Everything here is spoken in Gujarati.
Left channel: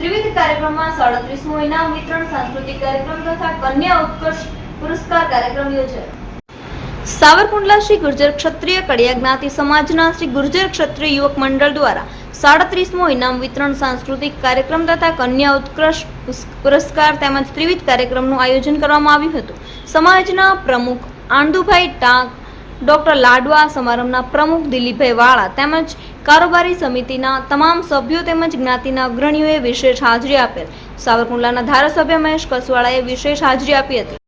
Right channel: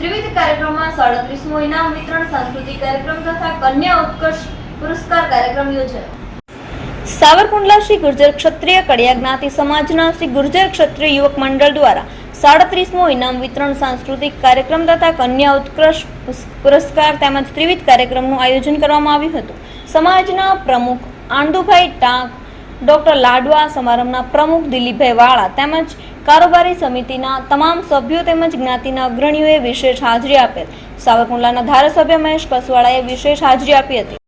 ત્રિવિધ કાર્યક્રમમાં સાડત્રીસમો ઇનામ વિતરણ, સાંસ્કૃતિક કાર્યક્રમ તથા કન્યા ઉત્કર્ષ પુરસ્કાર કાર્યક્રમ યોજાયો. સાવરકુંડલા શ્રી ગુર્જર ક્ષત્રિય કડિયા જ્ઞાતિ સમાજના શ્રી ગુર્જર ક્ષત્રિય યુવક મંડળ દ્વારા સાડત્રીસમો ઇનામ વિતરણ, સાંસ્કૃતિક કાર્યક્રમ તથા કન્યા ઉત્કર્ષ પુરસ્કાર તેમજ ત્રિવિધ કાર્યક્રમનું આયોજન કરવામાં આવ્યું હતું. સમાજના પ્રમુખ આંદુભાઈ ટાંક ડોક્ટર લાડવા સમારંભના પ્રમુખ દિલીપભાઈ વાળા તેમજ કારોબારી સમિતિના તમામ સભ્યો તેમજ જ્ઞાતિના અગ્રણીઓએ વિશેષ હાજરી આપેલ. સાવરકુંડલાના ધારાસભ્ય મહેશ કસવાળાએ વિશેષ હાજરી આપી હતી.